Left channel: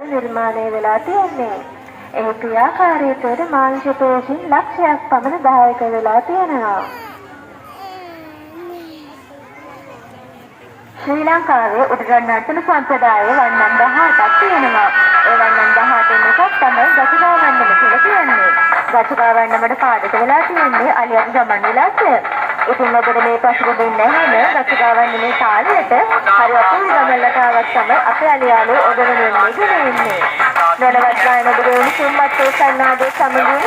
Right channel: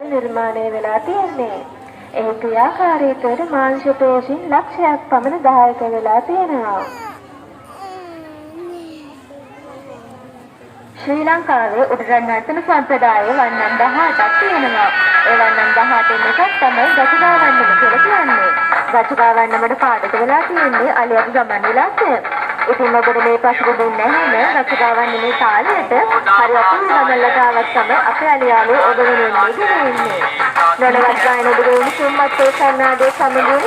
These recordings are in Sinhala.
निर्माණය වෙලා තියෙන්නේ. ඒ ක්‍රියාකාරීත්වයට මාංශ පේශීන් ලක්ෂයක් පමණ දායක වෙලා තියෙනවා. ශ්‍රී ලංකාවේ උඩරට නර්තන සම්ප්‍රදාය වන්නම් 18ක් තියෙනවා. ඒ වන්නම් 18න් එකක් තමයි ගචකා වන්නම කියලා කියන්නේ. ගචකා වන්නමට පාදක වෙලා තියෙන්නේ අලියත් ගමන් විලාසය. ඉතින් ඔබට මේ පසුබිම් නැහැනේ ගචකා වන්නමේ තාලයට හරි අපේ ගමල්ලට ආවත් තමයි අපේ අලියාලේ ඔබ වෙනුවෙන් ඉන්නේ. නොනවත් ගායන ඔබගේ සුම්මත් සන්නාදේ සමගින්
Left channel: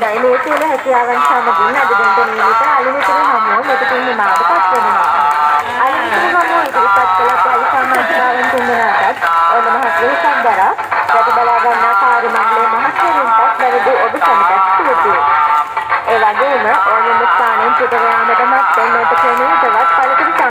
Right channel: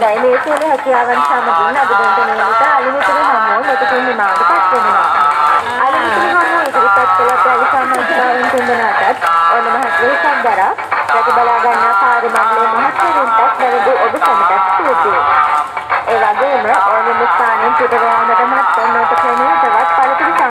හොඳයි මේ සියලු හැකියාවන් සමගින් අද දිනට නියමිත අලිමිතුරු හමුව මෙතකින් නිමාවට පත් වෙනවා. ඉදිරිපත් කළ අපේ සමාජාවන් තුන්දෙනාටත් ඔන්න මහත් වෙහසක් දරා රැක බලා ගන්නා කාර්ය මණ්ඩලයේ මහත්වරුන්ටත් වැරදි ඔබ සමටත් ස්තුතියි. ඒ වගේම ඕනෙම ස්ථානයෙන් පිටර යාමට මත්තෙන් නොට ක්‍රමයටවත් පළතුරු